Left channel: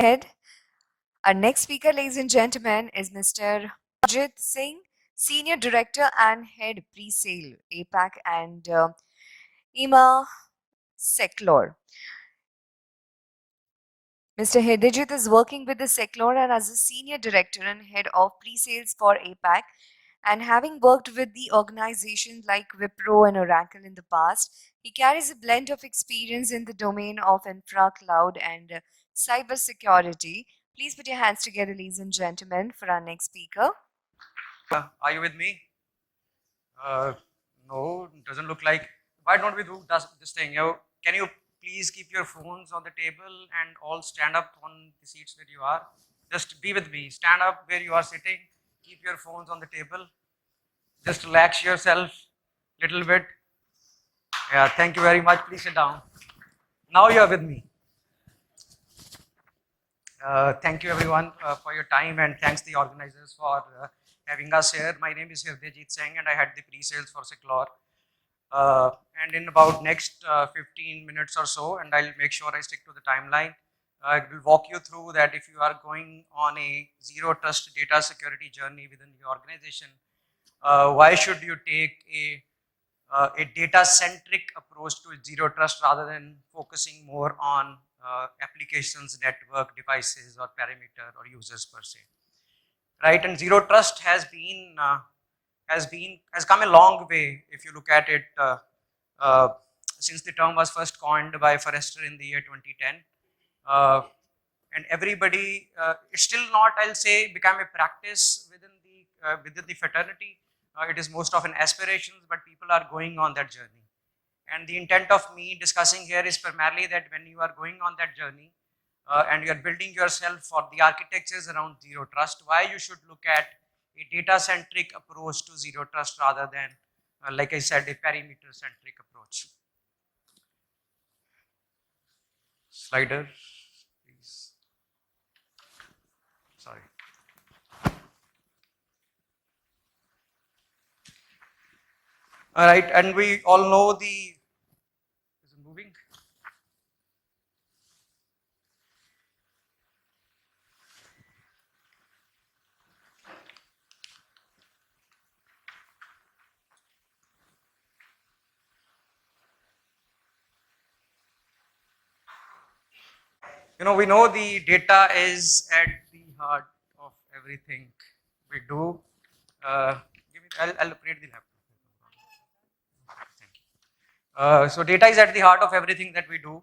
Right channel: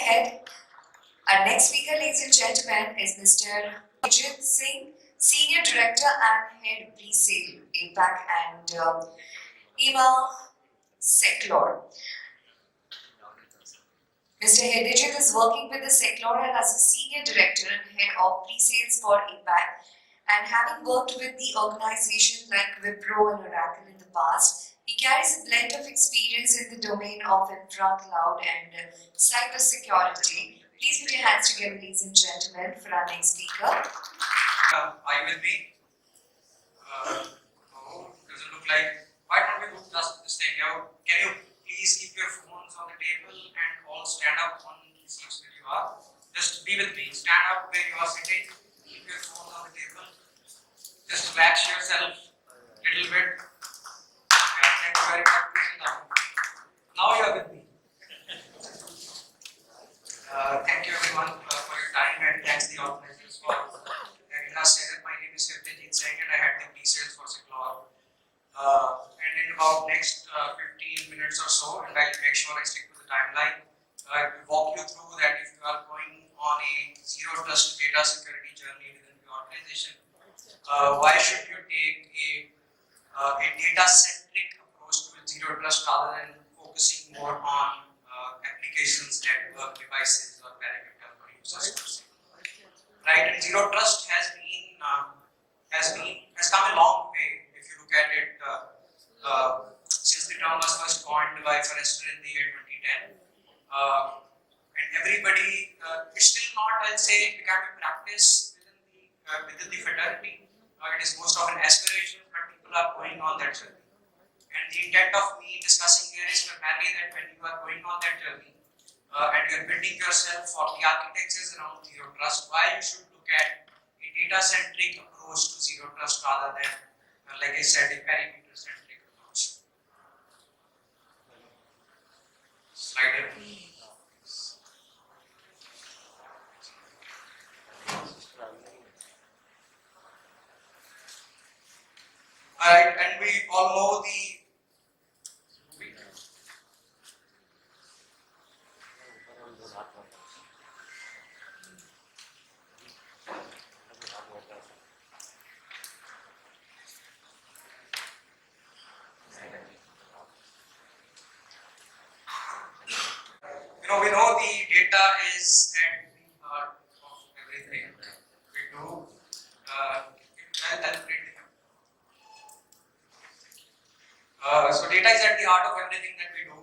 Head. Our next speaker, ladies and gentlemen, is Mr. Hirdejit Singh, Senior Director and Head Pre-Sale, APAC and 𝗗𝗏𝗄𝗏 Seclore. Mr. Hirdejit is working with the Seclore and as a Senior Director and Head of Pre-Sales for APAC, and having worked with the organizations like Wipro and Oracle in the past, he carries a blend of experience in the domain of infra, cloud and cybersecurity. Please put your hands together, ladies and gentlemen, for our next speaker. Are you with me? No, it doesn't look like. Why don't we do this thing? Can you please keep your phones on the table and all stand up on the seats where you are? Just be with me. Stand up where you are sitting. Keep your phones on the table. Just relax yourself a little bit. Yeah, thank you very much. Please sit down. Now you are with me. Thank you everyone for your time, and thanks the organizers for having us here. My name is Hirdejit Singh and I had the pre-sales for Seclore. And in about next 15 minutes or so, and I'll make sure I stick to the timeline, I will walk you through that if you are going on a zero trust data security journey within the organization, why should you take a data-centric approach to zero trust rather than focusing more on applications, network, devices, or parameter or users per se. Right, and zero trust has come a long way if you look at it since the term was first coined by Forrester in the year 2010. And everybody, it's still not, I'll say, become a practice within the fraternity. It is most of an aspiration, but people are going on that journey. And the intent of me discussing here is primarily that when you are going on that journey and you are building yourself for the architectures around zero trust, why you should look at a data-centric approach to zero trust rather than, like I said, a perimeter-centric approach. Slider. Sorry. All right, and we all know the we know the data is at the heart of everything we do. I'll read the so data is at the heart of everything that we do,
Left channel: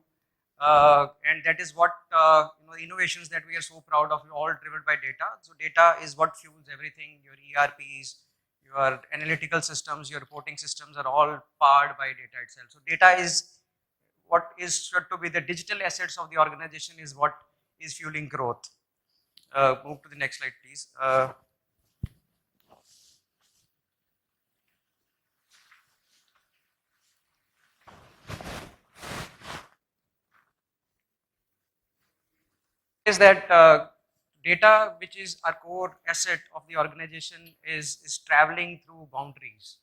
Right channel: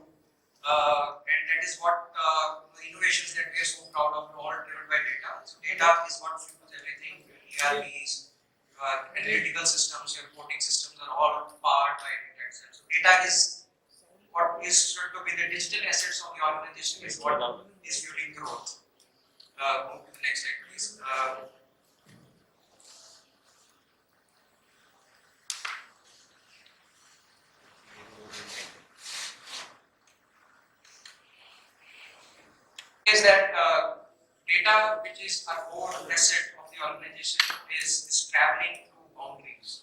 and that is what the innovations that we are so proud of, all driven by data. So data is what fuels everything. Your ERPs, your analytical systems, your reporting systems are all powered by data itself. So data is what is said to be the digital assets of the organization, is what is fueling growth. Move to the next slide, please. Is that data, which is a core asset of the organization, is traveling through boundaries.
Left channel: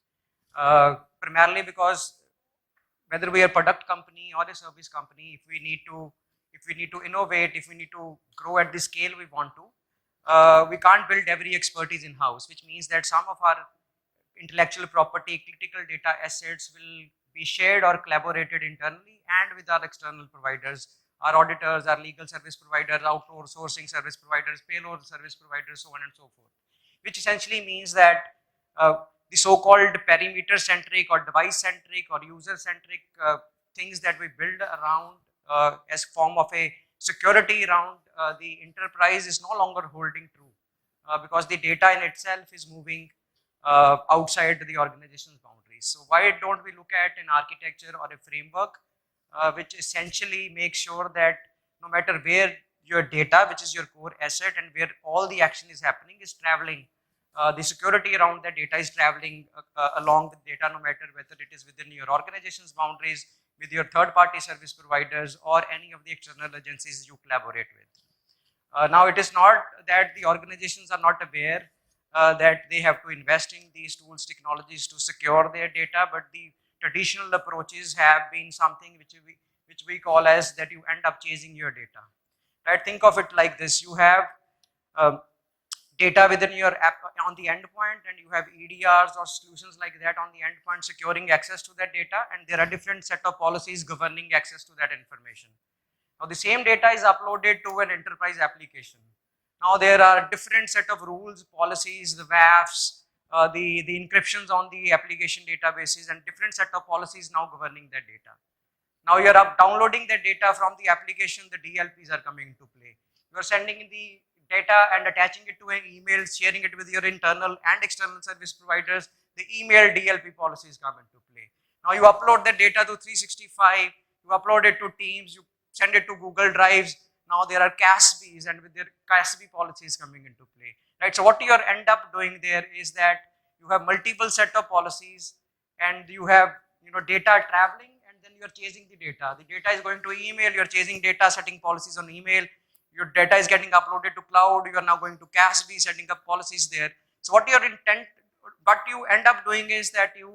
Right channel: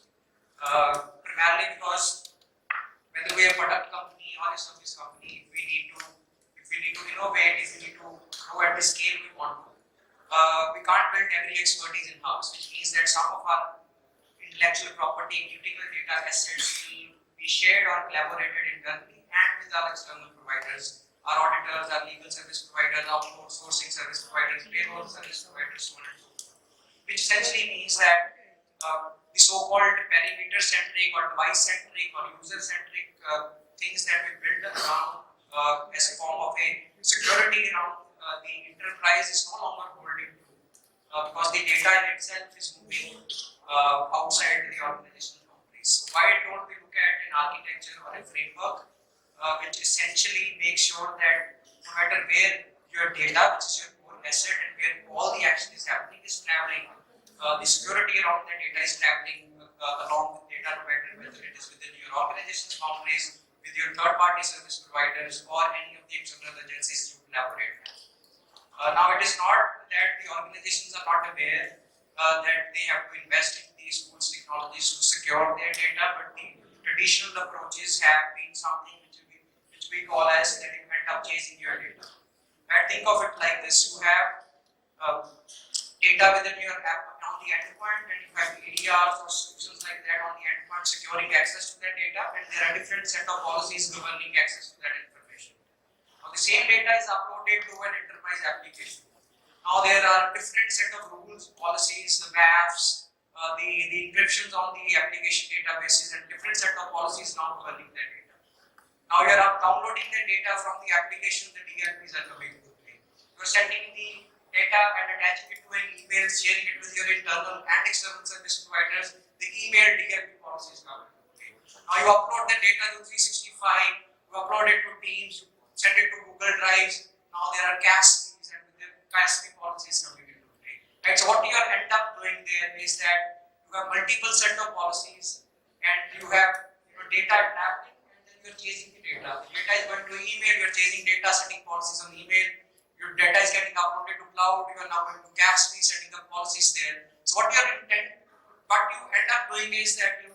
Primarily because whether we are a product company or a service company, if we need to innovate, if we need to grow at the scale we want to, we can't build every expertise in-house, which means that some of our intellectual property, critical data assets will be shared or collaborated internally and with our external providers, our auditors, our legal service providers, outsourcing service providers, payroll service providers, so on and so forth. Which essentially means that the so-called perimeter-centric or device-centric or user-centric things that we build around as form of a security around the enterprise is no longer holding true because the data in itself is moving outside the organization's boundaries. So why don't we look at an architecture or a framework which essentially makes sure that no matter where your data, which is your core asset, and where all the action is happening, is traveling, the security around the data is traveling along the data, no matter whether it is within your organization's boundaries, with your third-party service providers, or any of the external agencies you collaborate with. Now, it is not that the organizations are not aware that they have to invest in these tools, technologies to secure their data, but the traditional approaches have been something which we call as that you end up chasing your data. Right? Think of it like this: you have data within your app on the endpoint, and you have EDRs or solutions like that on the endpoint securing access to that data, and there are different set of policies governing access to that information. Now the same data is uploaded to an enterprise application. Now there are different set of rules, policies, WAFs, the encryptions on the application databases, and different set of policies now governing that data. Now you are downloading the data from the application, the DLPs are coming into play. You are sending the data and attaching it to an email, sharing it with your internal and external service providers. The email DLP policies come into play. Now you upload the data to 365, you upload it to Teams, you send it to Google Drives. Now there are CASBs, and with their CASB policies coming into play. Right. So what you end up doing there is that you have multiple set of policies, and you have data traveling, and then you are chasing the data. The data is going to email, you are chasing data, setting policies on email. Your data is getting uploaded to cloud, you are now going to CASB, setting up policies there. So what you end up doing is that you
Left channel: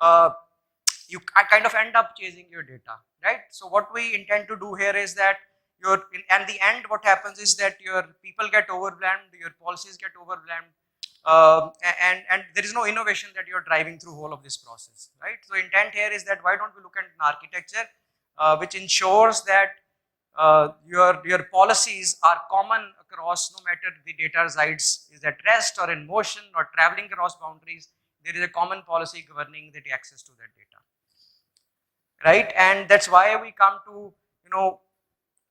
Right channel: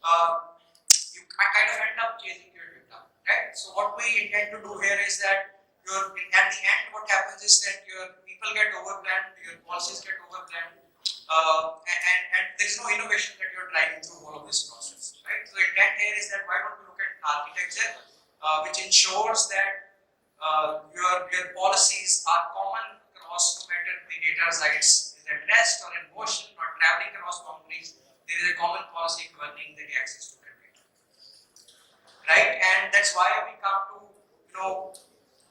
kind of end up chasing your data, right? So what we intend to do here is that at the end, what happens is that your people get overwhelmed, your policies get overwhelmed, and there is no innovation that you're driving through whole of this process, right? So intent here is that why don't we look at an architecture which ensures that your policies are common across, no matter the data resides is at rest or in motion or traveling across boundaries. There is a common policy governing the access to that data, right? And that's why we come to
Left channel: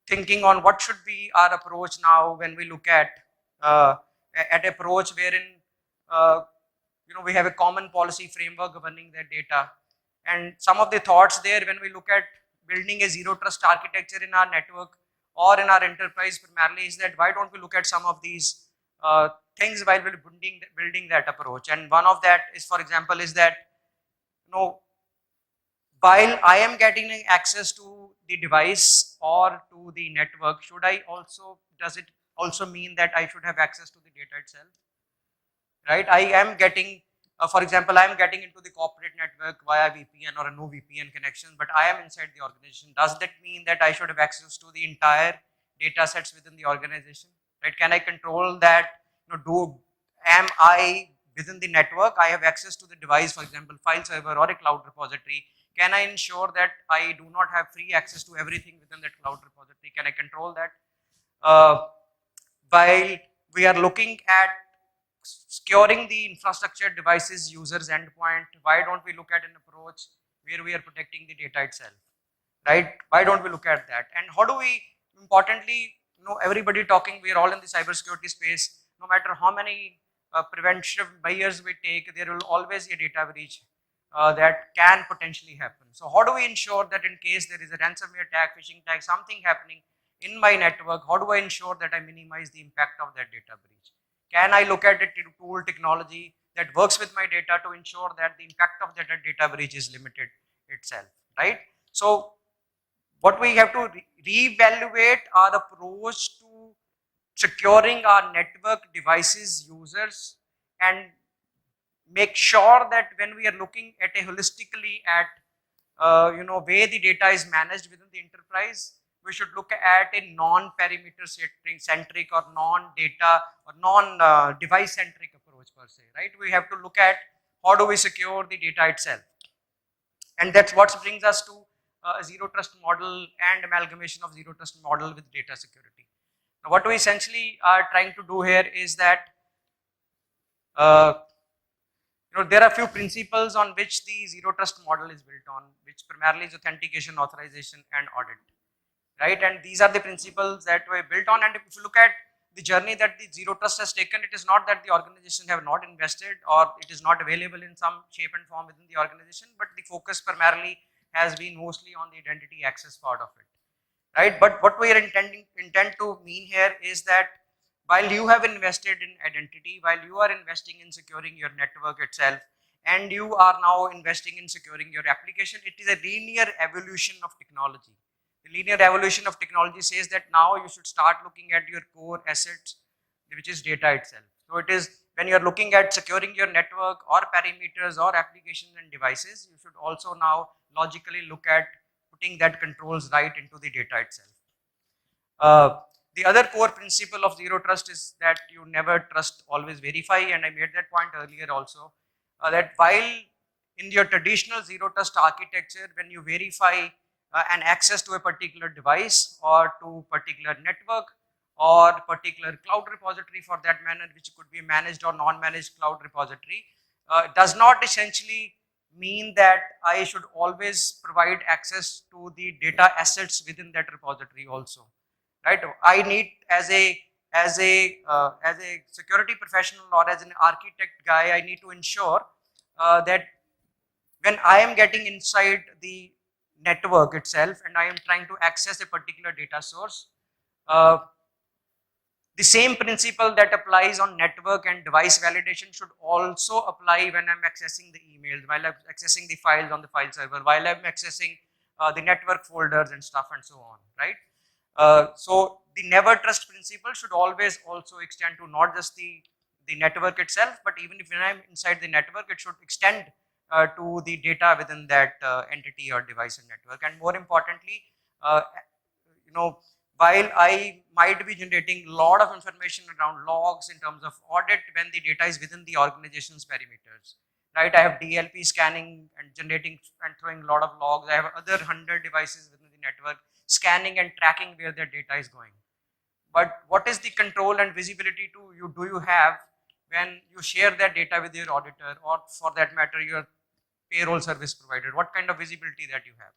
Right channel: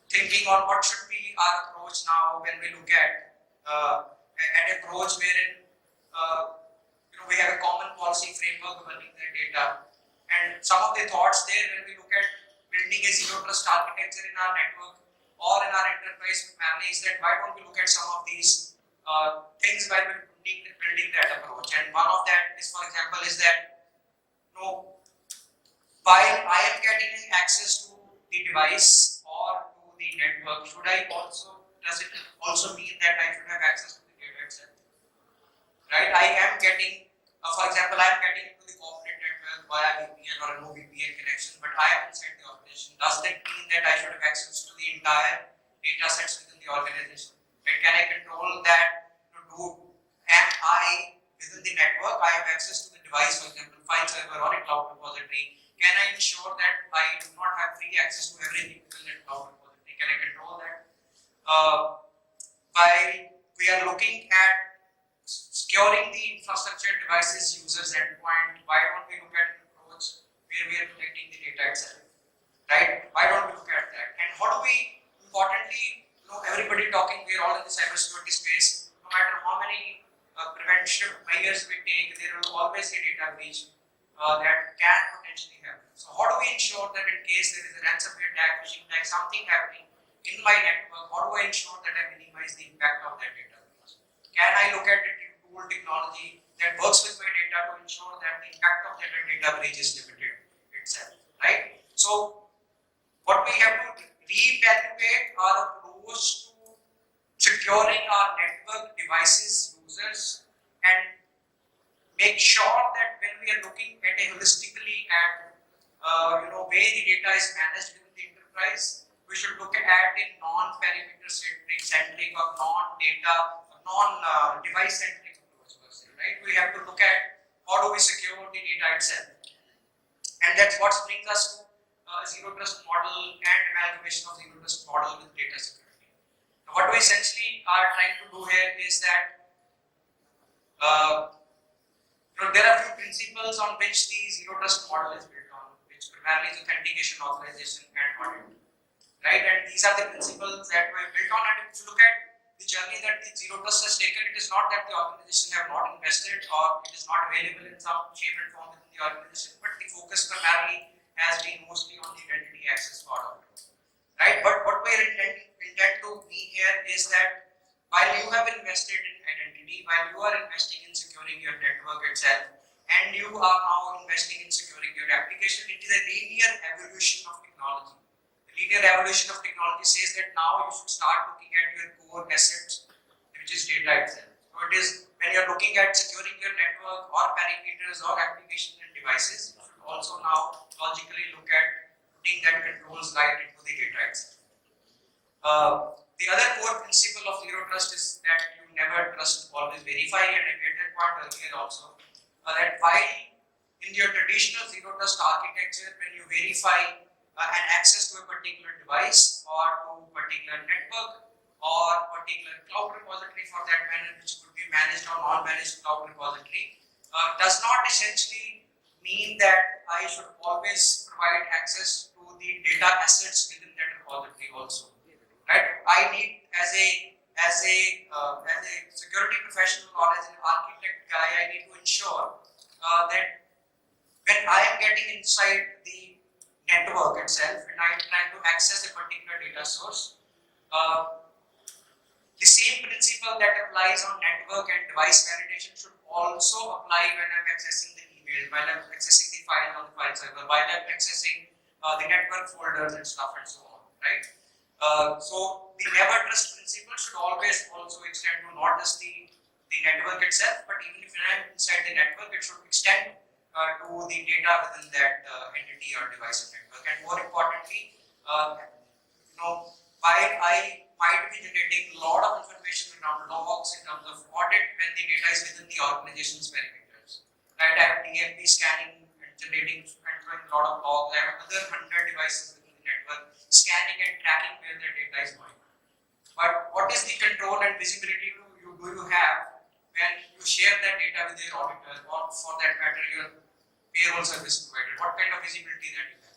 thinking on what should be our approach now when we look at approach wherein we have a common policy framework governing that data. And some of the thoughts there when we look at building a zero trust architecture in our network or in our enterprise primarily is that why don't we look at some of these things while we're building that approach. And one of that is, for example, is that while I am getting access to the device or to the network, does it also mean that I should have access to the data itself? Right? I am getting, for example, I am getting into the corporate network via VPN or a no VPN connection, but I am inside the organization. Does that mean that I should have access to the entire data sets within the organization? Right? Can I control that? Am I within the network? I have access to the device, for example, file server or a cloud repository. Can I ensure that I do not have free access to everything within that cloud repository? Can I control that? While we are looking at securing the infrastructure, devices, users, endpoint, why don't we look at an approach where we are protecting the data itself, right? Why don't we look at that? And how do we, importantly, everybody talking, we are all in the cybersecurity space, no matter how many preventive measures we take, there will always be a data breach that can potentially happen. So how do we ensure that in case there is a ransomware attack, phishing attack, something happening in my network, how do I ensure that I minimize the impact of that data breach? Can I look at a tool technology that works with my data to ensure that the impact of that data breach is limited itself, right? So what we have to reevaluate our approach to securing our network devices, users, and make sure that when we are looking at a holistically at way the data is managed within the enterprise, we should look at a non-perimeter centric or non-data or non-device centric approach per se, right? We have to look at how do we secure the data itself, and that's what brings us to a zero trust model and amalgamation of zero trust model with data security. Now, what we essentially are trying to do here is that there are a few principles on which the zero trust model is built on, which primarily is authentication, authorization, and audit, right? And these are the principles that were built on. And if you look at the journey that the zero trust has taken, it is not that the organization have not invested or it is not available in some shape and form within the organization, but the focus primarily has been mostly on the identity access part of it, right? But what we are intend to mean here is that while you have invested in identity, while you are investing in securing your network itself, and you are now investing in securing your application, it is a linear evolution of technology. The linear evolution of technology says that now you should start looking at your core assets, which is data itself. So it is when you are looking at securing your network or parameters or applications and devices, you should also now logically look at putting that controls right into the data itself. The other core principle of zero trust is that you never trust, always verify, and I made that point earlier also, that while in your traditional zero trust architecture, when you verify an access to a particular device or to particular network or particular cloud repository for that matter, which could be managed or non-managed cloud repository, does not essentially mean that I should always provide access to the data assets within that repository also, right? I need as a security professional or as an architect guy, I need to ensure that when I am getting inside the network itself and I am trying to access a particular data source, the same principle that applies on network and device validation should also apply when I'm accessing the emails, while I'm accessing the files on the file server, while I'm accessing the network folders and stuff and so on, right? So the never trust principle should always also extend to not just the network itself, but even if I'm inside the network, it should extend to the data within that entity or device and network. And more importantly, while I might be generating a lot of information around logs in terms of audit when the data is within the organization's perimeters, right? I have DLP scanning and generating and throwing a lot of logs. I have other 100 devices within the network scanning and tracking where their data is going. But what is the control and visibility do you have when you share that data with your auditor or for that matter your payroll service provider? What kind of visibility that you have?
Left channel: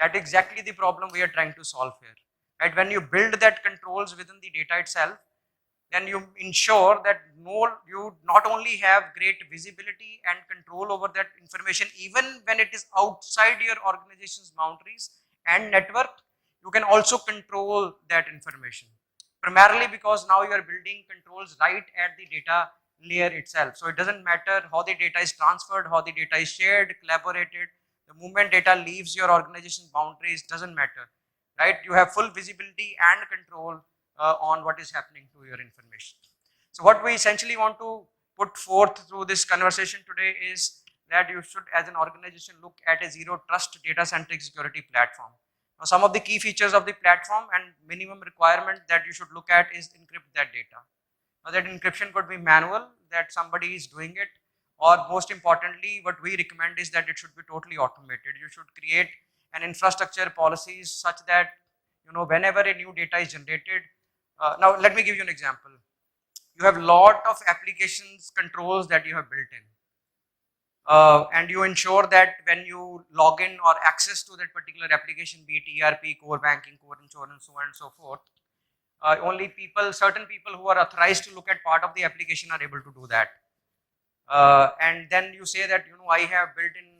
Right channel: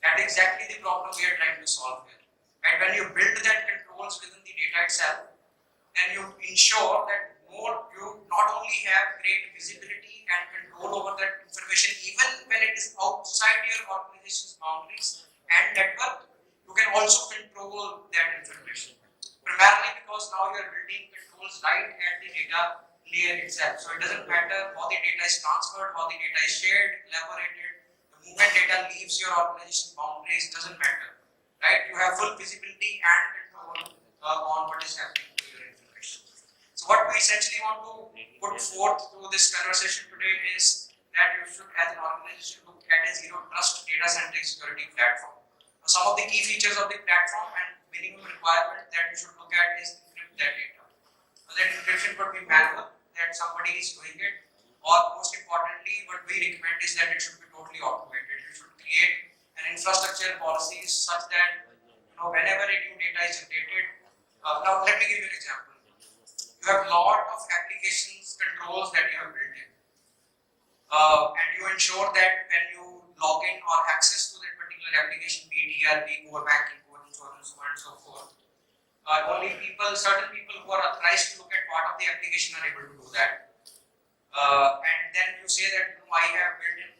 That is exactly the problem we are trying to solve here. Right? When you build that controls within the data itself, then you ensure that you not only have great visibility and control over that information, even when it is outside your organization's boundaries and network, you can also control that information. Primarily because now you are building controls right at the data layer itself. So it doesn't matter how the data is transferred, how the data is shared, collaborated. The moment data leaves your organization boundaries, doesn't matter, right? You have full visibility and control on what is happening to your information. So what we essentially want to put forth through this conversation today is that you should, as an organization, look at a zero trust data-centric security platform. Now, some of the key features of the platform and minimum requirement that you should look at is encrypt that data. Now, that encryption could be manual, that somebody is doing it, or most importantly, what we recommend is that it should be totally automated. You should create an infrastructure policies such that whenever a new data is generated. Now, let me give you an example. You have a lot of applications controls that you have built in. And you ensure that when you log in or access to that particular application, be it ERP, core banking, core insurance, so on and so forth, only certain people who are authorized to look at part of the application are able to do that. And then you say that I have built in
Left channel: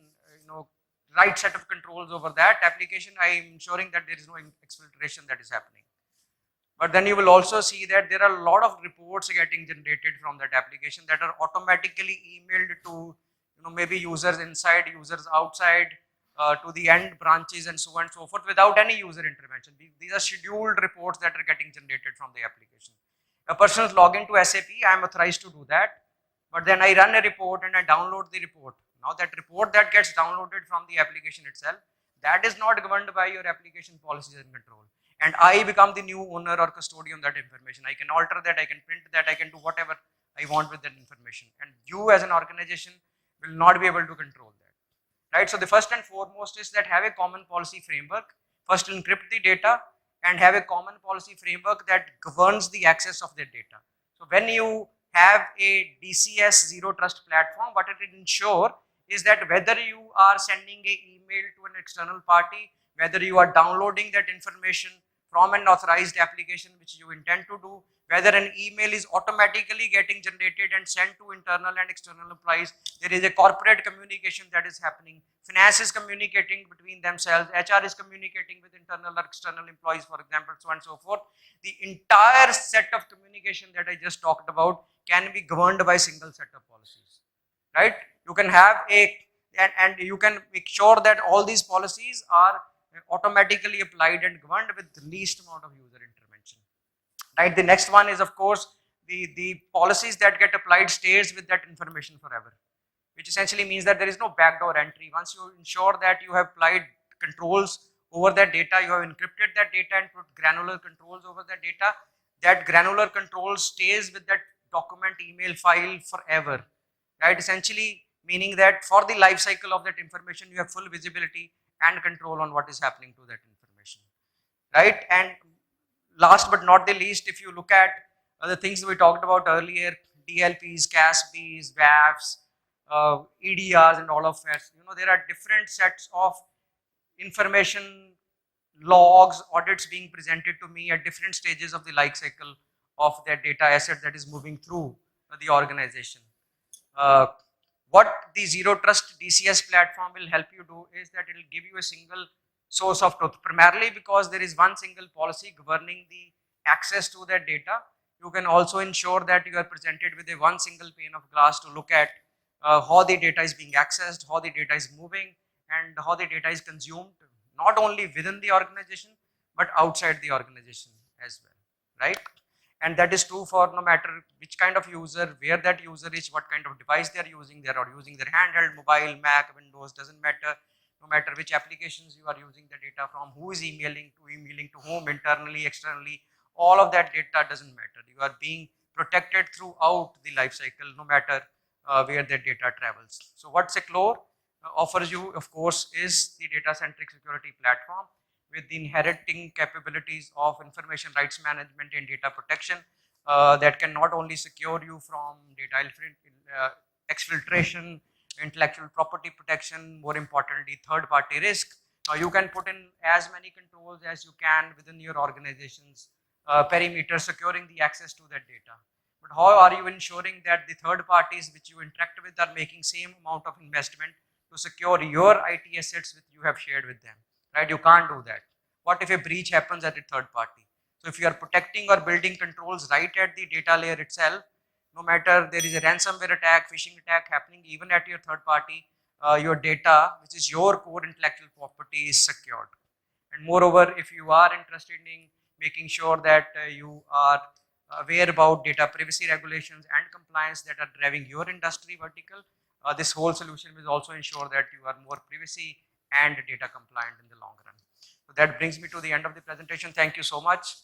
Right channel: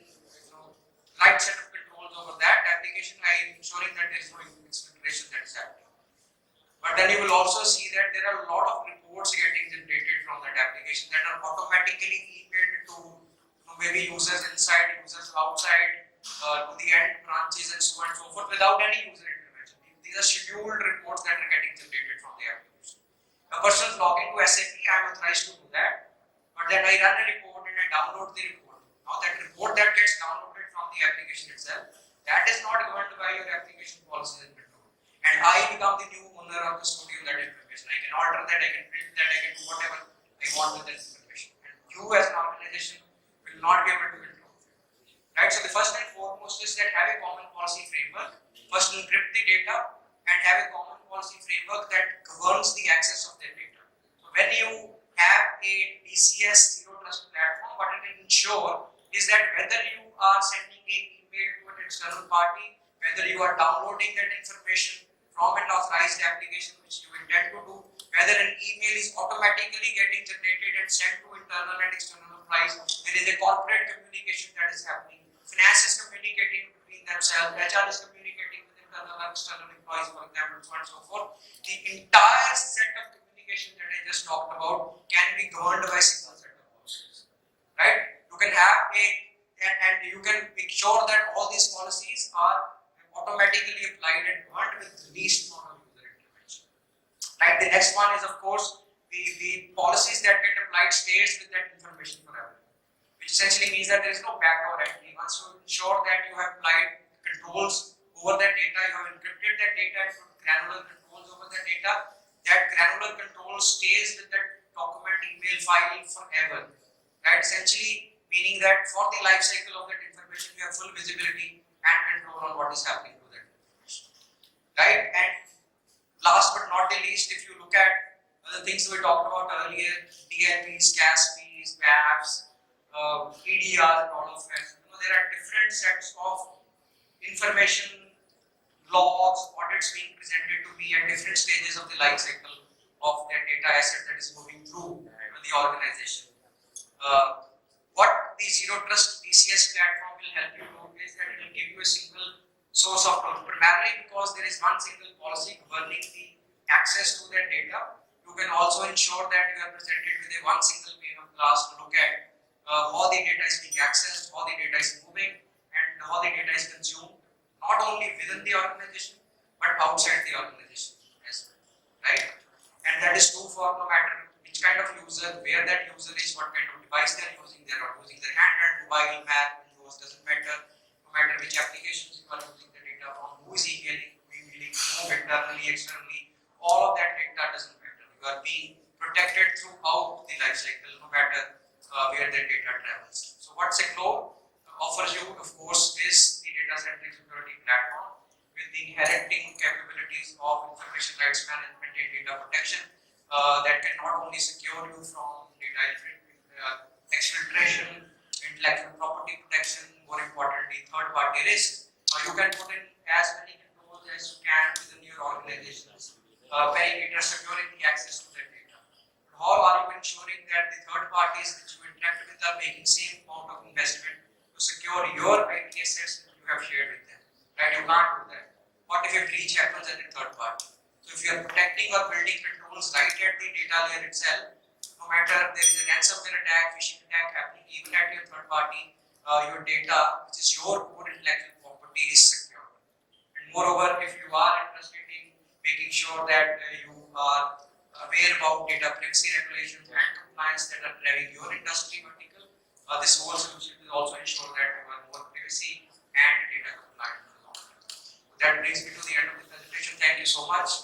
right set of controls over that application. I am ensuring that there is no exfiltration that is happening. But then you will also see that there are a lot of reports getting generated from that application that are automatically emailed to maybe users inside, users outside, to the end branches and so on and so forth without any user intervention. These are scheduled reports that are getting generated from the application. A person is logging to SAP, I am authorized to do that, but then I run a report and I download the report. Now that report that gets downloaded from the application itself, that is not governed by your application policies and control. And I become the new owner or custodian of that information. I can alter that, I can print that, I can do whatever I want with that information. And you as an organization will not be able to control that. Right? So the first and foremost is that have a common policy framework. First encrypt the data and have a common policy framework that governs the access of the data. So when you have a DCS zero trust platform, what it will ensure is that whether you are sending an email to an external party, whether you are downloading that information from an authorized application which you intend to do, whether an email is automatically getting generated and sent to internal and external employees, there is a corporate communication that is happening. Finance is communicating between themselves, HR is communicating with internal or external employees, for example, so on and so forth. The entire set of communication that I just talked about can be governed by a single set of policies, right? You can have and you can make sure that all these policies are automatically applied and governed with the least amount of user intervention. Right. The next one is, of course, the policies that get applied stays with that information forever, which essentially means that there is no backdoor entry. Once you ensure that you have applied controls over that data, you have encrypted that data and put granular controls over that data. That granular control stays with that document email file forever, right? Essentially meaning that for the life cycle of that information, you have full visibility and control on what is happening to that information, right? And last but not the least, if you look at the things we talked about earlier, DLPs, CASPs, WAFs, EDRs and all of that, there are different sets of information, logs, audits being presented to me at different stages of the life cycle of that data asset that is moving through the organization. What the Zero Trust DCS platform will help you do is that it will give you a single source of truth, primarily because there is one single policy governing the access to that data. You can also ensure that you are presented with a one single pane of glass to look at how the data is being accessed, how the data is moving, and how the data is consumed, not only within the organization, but outside the organization as well, right? And that is true for no matter which kind of user, where that user is, what kind of device they are using. They are using their handheld, mobile, Mac, Windows, doesn't matter. No matter which applications you are using the data from, who is emailing to whom, internally, externally, all of that data doesn't matter. You are being protected throughout the life cycle, no matter where that data travels. So what Seclore offers you, of course, is the data-centric security platform with the inheriting capabilities of information rights management and data protection that can not only secure you from data exfiltration, intellectual property protection, more importantly, third-party risk. You can put in as many controls as you can within your organization's perimeter, securing the access to that data. But how are you ensuring that the third parties which you interact with are making same amount of investment to secure your IT assets that you have shared with them, right? You can't do that. What if a breach happens at a third party? So if you are protecting or building controls right at the data layer itself, no matter there is a ransomware attack, phishing attack happening even at your third party, your data, which is your core intellectual property, is secured. And moreover, if you are interested in making sure that you are aware about data privacy regulations and compliance that are driving your industry vertical, this whole solution will also ensure that you are more privacy and data compliant in the long run. So that brings me to the end of the presentation. Thank you so much.